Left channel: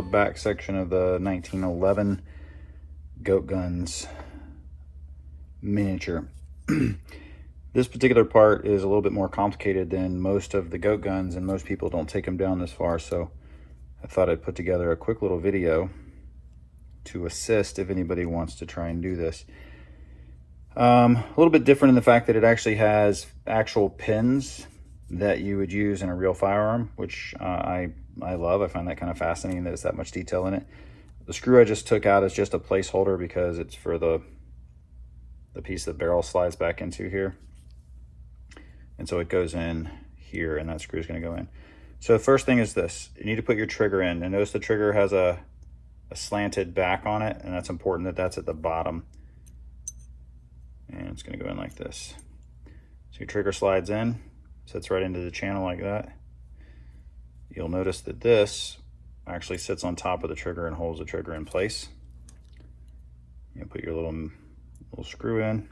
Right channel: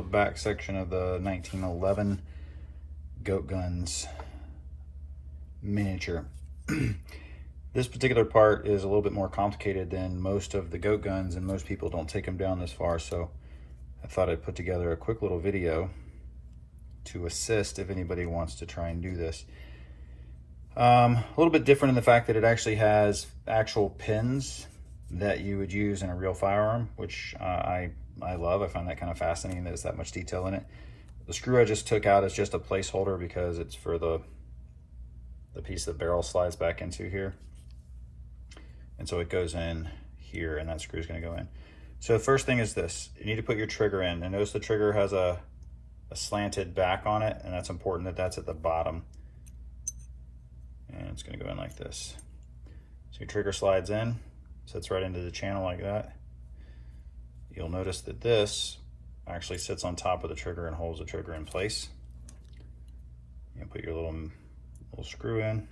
the back section of the 1911 GoatGuns miniature. This particular part is a little bit more complicated than most of the GoatGuns, and most people don't take them down this far, so I thought I'd put together a quick little video to assist if anybody wants to try and do this. A little bit different in the fact that it actually has actual pins that you would use in a real firearm, which I love. I find that kind of fascinating that it's that much detail in it. The screw I just took out is just a placeholder because it's for the piece the barrel slides back into here. And so it goes in here, and that screw is going to go in. So the first thing is this. You need to put your trigger in. And notice the trigger has a slanted back on it, and that's important that that's at the bottom. And it's going to go in like this. So your trigger slides in, sits right into the channel like that. You'll notice that this actually sits on top of the trigger and holds the trigger in place. You put your little screw in.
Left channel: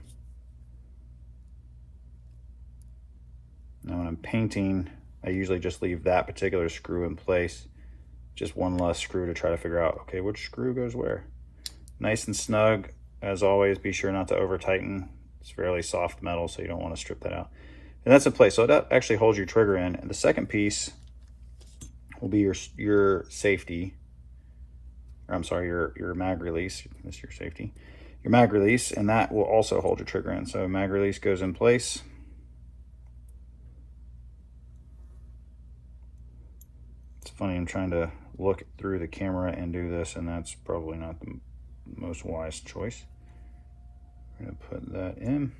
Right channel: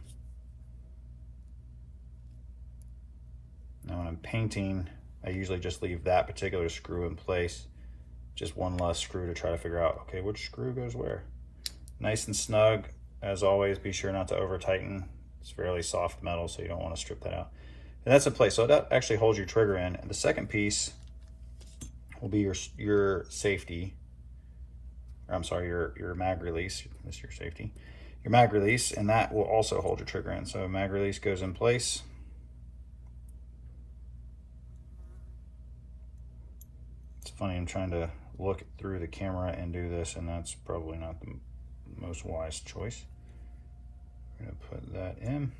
Now when I'm painting, I usually just leave that particular screw in place. Just one less screw to try to figure out, okay, which screw goes where. Nice and snug. As always, be sure not to over tighten. It's fairly soft metal, so you don't want to strip that out. And that's in place, so that actually holds your trigger in. And the second piece will be your safety, or I'm sorry, your mag release. That's your safety. Your mag release, and that will also hold your trigger in. So mag release goes in place. It's funny, I'm trying to look through the camera and do this, and that's probably not the most wise choice. We're gonna put that in.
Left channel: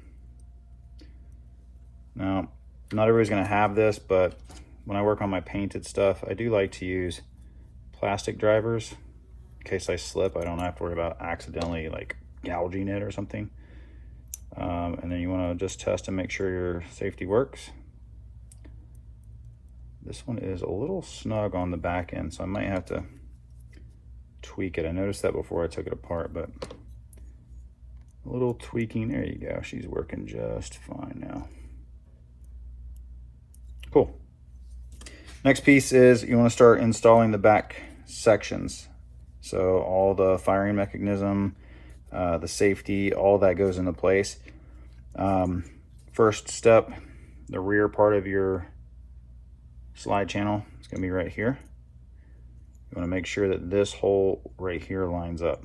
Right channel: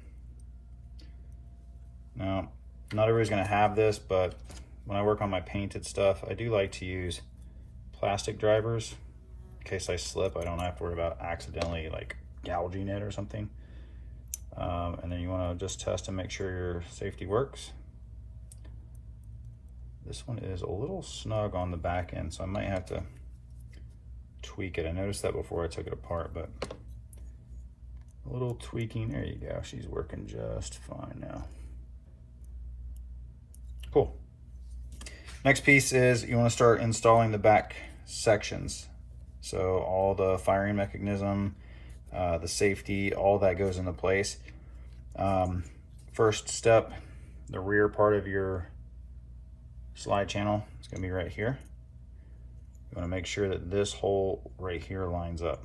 Now, not everybody's gonna have this, but when I work on my painted stuff, I do like to use plastic drivers. In case I slip, I don't have to worry about accidentally like gouging it or something. And then you wanna just test and make sure your safety works. This one is a little snug on the back end, so I might have to tweak it. I noticed that before I took it apart, but a little tweaking. There you go. She's working just fine now. Cool. Next piece is you want to start installing the back sections. So all the firing mechanism, the safety, all that goes into place. First step, the rear part of your slide channel is going to be right here. You want to make sure that this hole right here lines up.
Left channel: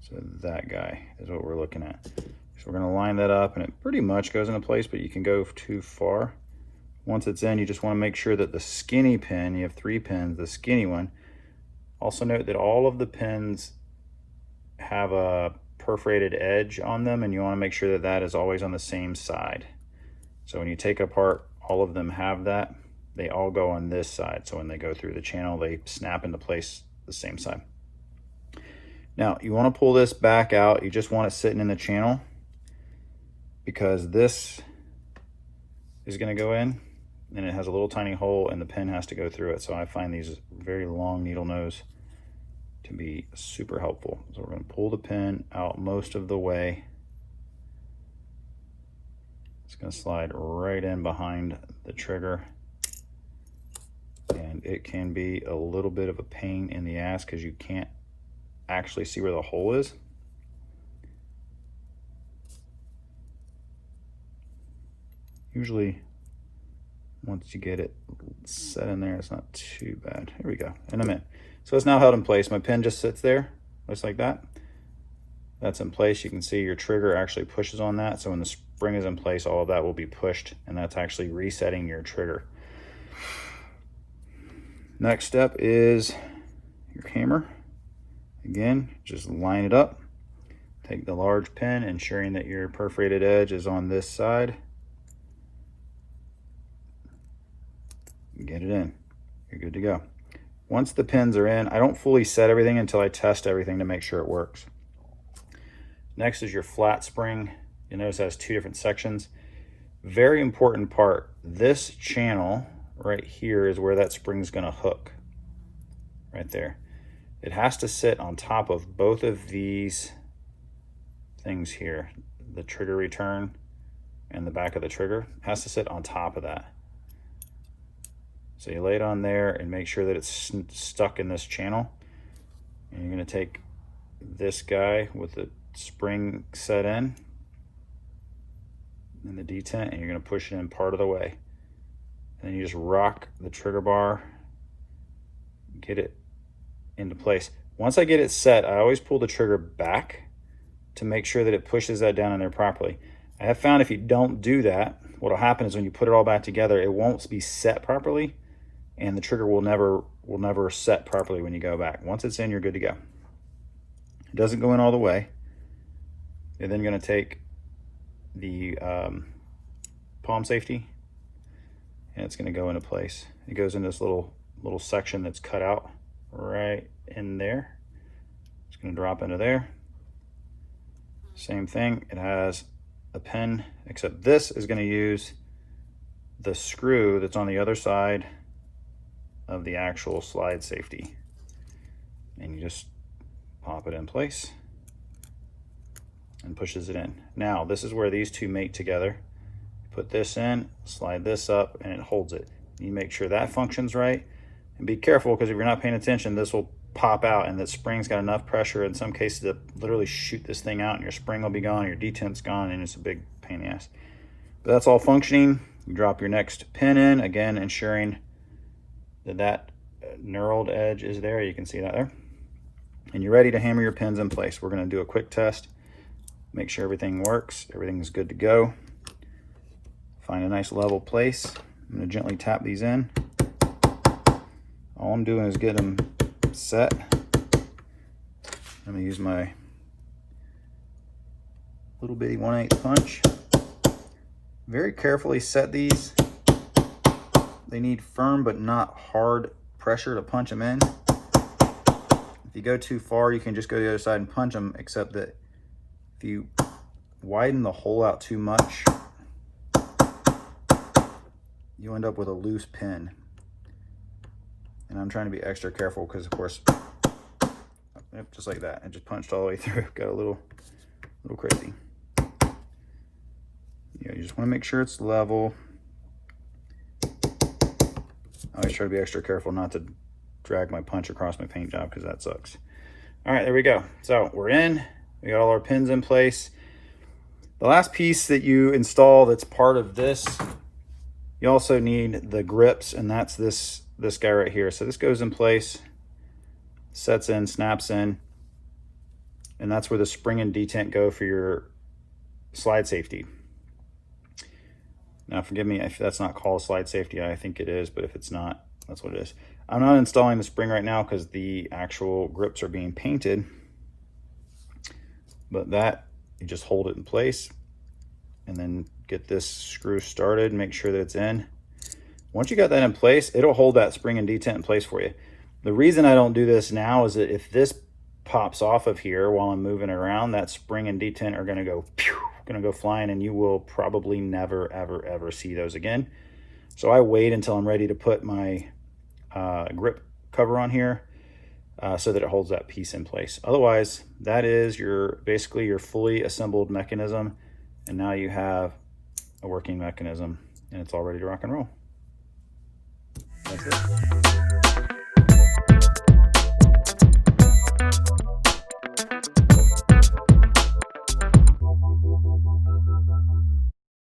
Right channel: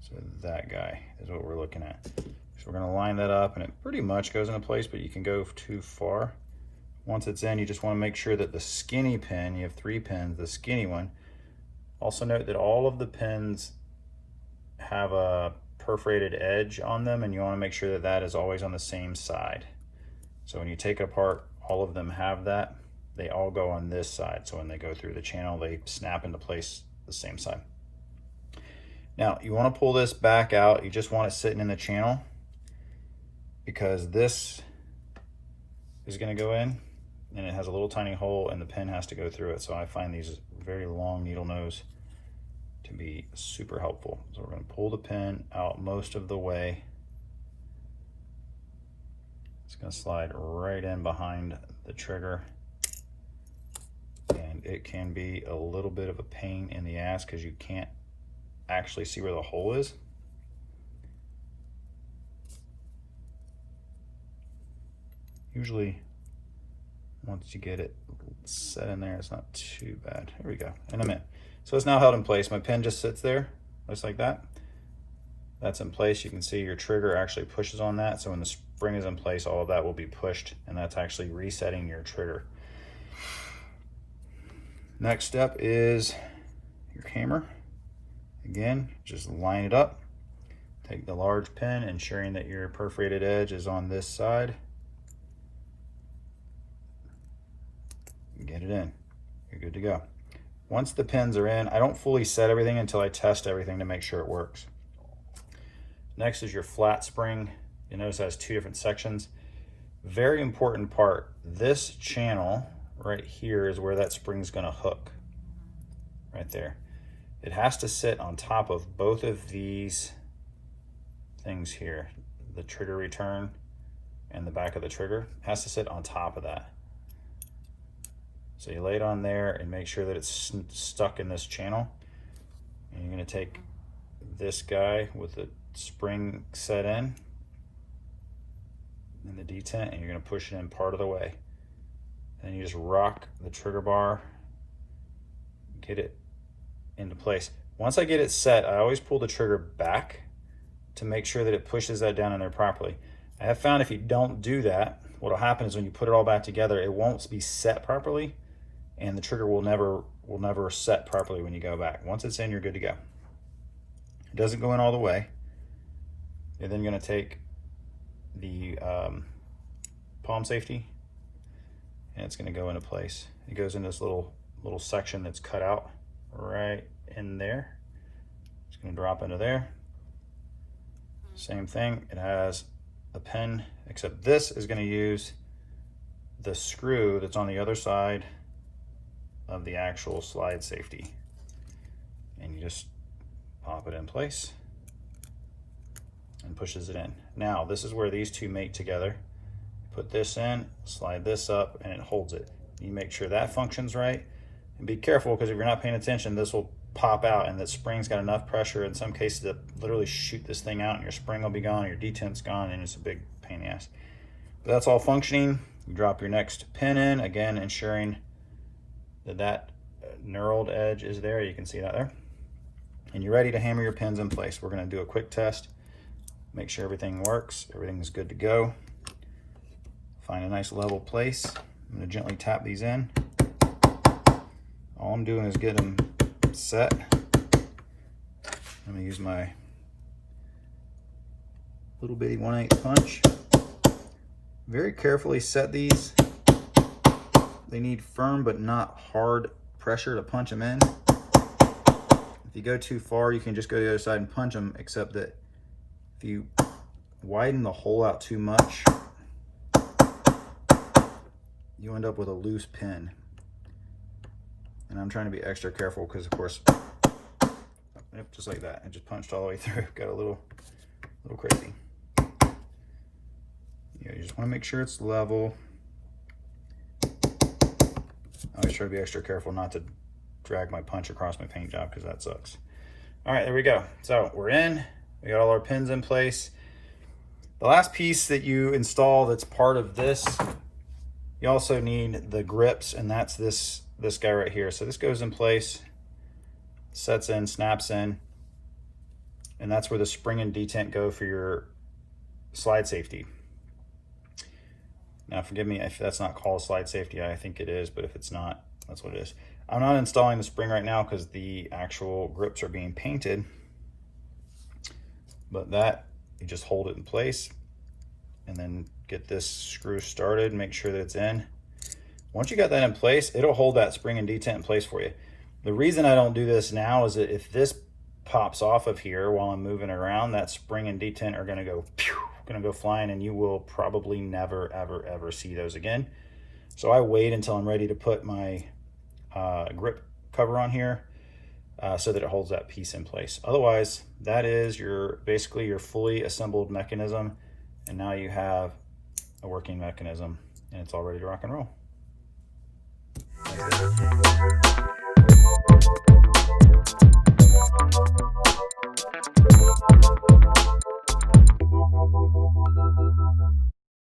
So that guy is what we're looking at. So we're going to line that up, and it pretty much goes into place, but you can go too far. Once it's in, you just want to make sure that the skinny pin, you have 3 pins, the skinny one. Also note that all of the pins have a perforated edge on them, and you want to make sure that that is always on the same side. So when you take it apart, all of them have that. They all go on this side, so when they go through the channel, they snap into place the same side. Now, you want to pull this back out. You just want it sitting in the channel because this is going to go in, and it has a little tiny hole, and the pin has to go through it. So I find these very long needle nose to be super helpful. So we're going to pull the pin out most of the way. It's going to slide right in behind the trigger. And it can be a little bit of a pain in the ass because you can't actually see where the hole is. Usually, once you get it set in there, it's not too bad. There we go, and I'm in. So it's now held in place. My pin just sits there, just like that. That's in place. You can see your trigger actually pushes on that. So when the spring is in place, all of that will be pushed, and that's actually resetting your trigger. Next step is your hammer. Again, just line it up. Take the large pin, ensuring that your perforated edge is on this side. Get it in. You're good to go. Once the pins are in, I don't fully set everything until I test everything to make sure it works. Next is your flat spring. You'll notice it has 2 different sections. Very important part, this channel right here is where that spring's gonna hook, right there. It has to sit on top of both of these things here. The trigger return and the back of the trigger has to sit on top of that. So you lay it on there and make sure that it's stuck in this channel. And you're gonna take this guy with the spring set in and the detent, and you're gonna push it in part of the way. And then you just rock the trigger bar, get it into place. Once I get it set, I always pull the trigger back to make sure that it pushes that down in there properly. I have found if you don't do that, what'll happen is when you put it all back together, it won't be set properly, and the trigger will never set properly when you go back. Once it's in, you're good to go. It doesn't go in all the way. You're then gonna take the palm safety, and it's gonna go into place. It goes in this little section that's cut out right in there. It's gonna drop into there. Same thing, it has a pin, except this is gonna use the screw that's on the other side of the actual slide safety. And you just pop it in place and pushes it in. Now, this is where these two mate together. Put this in, slide this up, and it holds it. You make sure that functions right. And be careful, because if you're not paying attention, this will pop out, and the spring's got enough pressure in some cases to literally shoot this thing out, and your spring will be gone, your detent's gone, and it's a big pain in the ass. But that's all functioning. You drop your next pin in, again, ensuring that knurled edge is there. You can see that there. And you're ready to hammer your pins in place. We're gonna do a quick test, make sure everything works, everything's good to go. Find a nice level place. I'm gonna gently tap these in. All I'm doing is get them set. I'm gonna use my little bitty 1/8 punch. Very carefully set these. They need firm but not hard pressure to punch them in. If you go too far, you can just go to the other side and punch them, except that if you widen the hole out too much, you end up with a loose pin. And I'm trying to be extra careful because, of course, yep, just like that. It just punched all the way through. Got a little crazy. Yeah, you just want to make sure it's level. I always try to be extra careful not to drag my punch across my paint job, because that sucks. All right, there we go. So we're in. We got all our pins in place. The last piece that you install that's part of this, you also need the grips, and that's this guy right here. So this goes in place, sets in, snaps in, and that's where the spring and detent go for your slide safety. Now, forgive me if that's not called slide safety. I think it is, but if it's not, that's what it is. I'm not installing the spring right now because the actual grips are being painted, but that, you just hold it in place and then get this screw started, make sure that it's in. Once you got that in place, it'll hold that spring and detent in place for you. The reason I don't do this now is that if this pops off of here while I'm moving around, that spring and detent are gonna go flying, and you will probably never, ever, ever see those again. So I wait until I'm ready to put my grip cover on here so that it holds that piece in place. Otherwise, that is basically your fully assembled mechanism, and now you have a working mechanism, and it's all ready to rock and roll. That's it.